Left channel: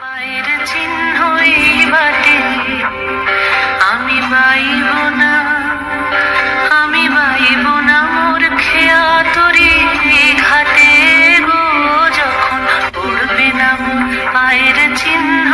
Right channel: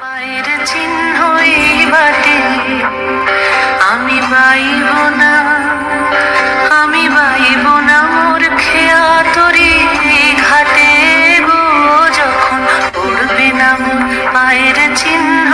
পায়ের চিহ্ন এই বাটে আমি বাইব না, আমি বাইব না মোর খেয়া তরি ঘাটে গো, যখন পড়বে না মোর পায়ের চিহ্ন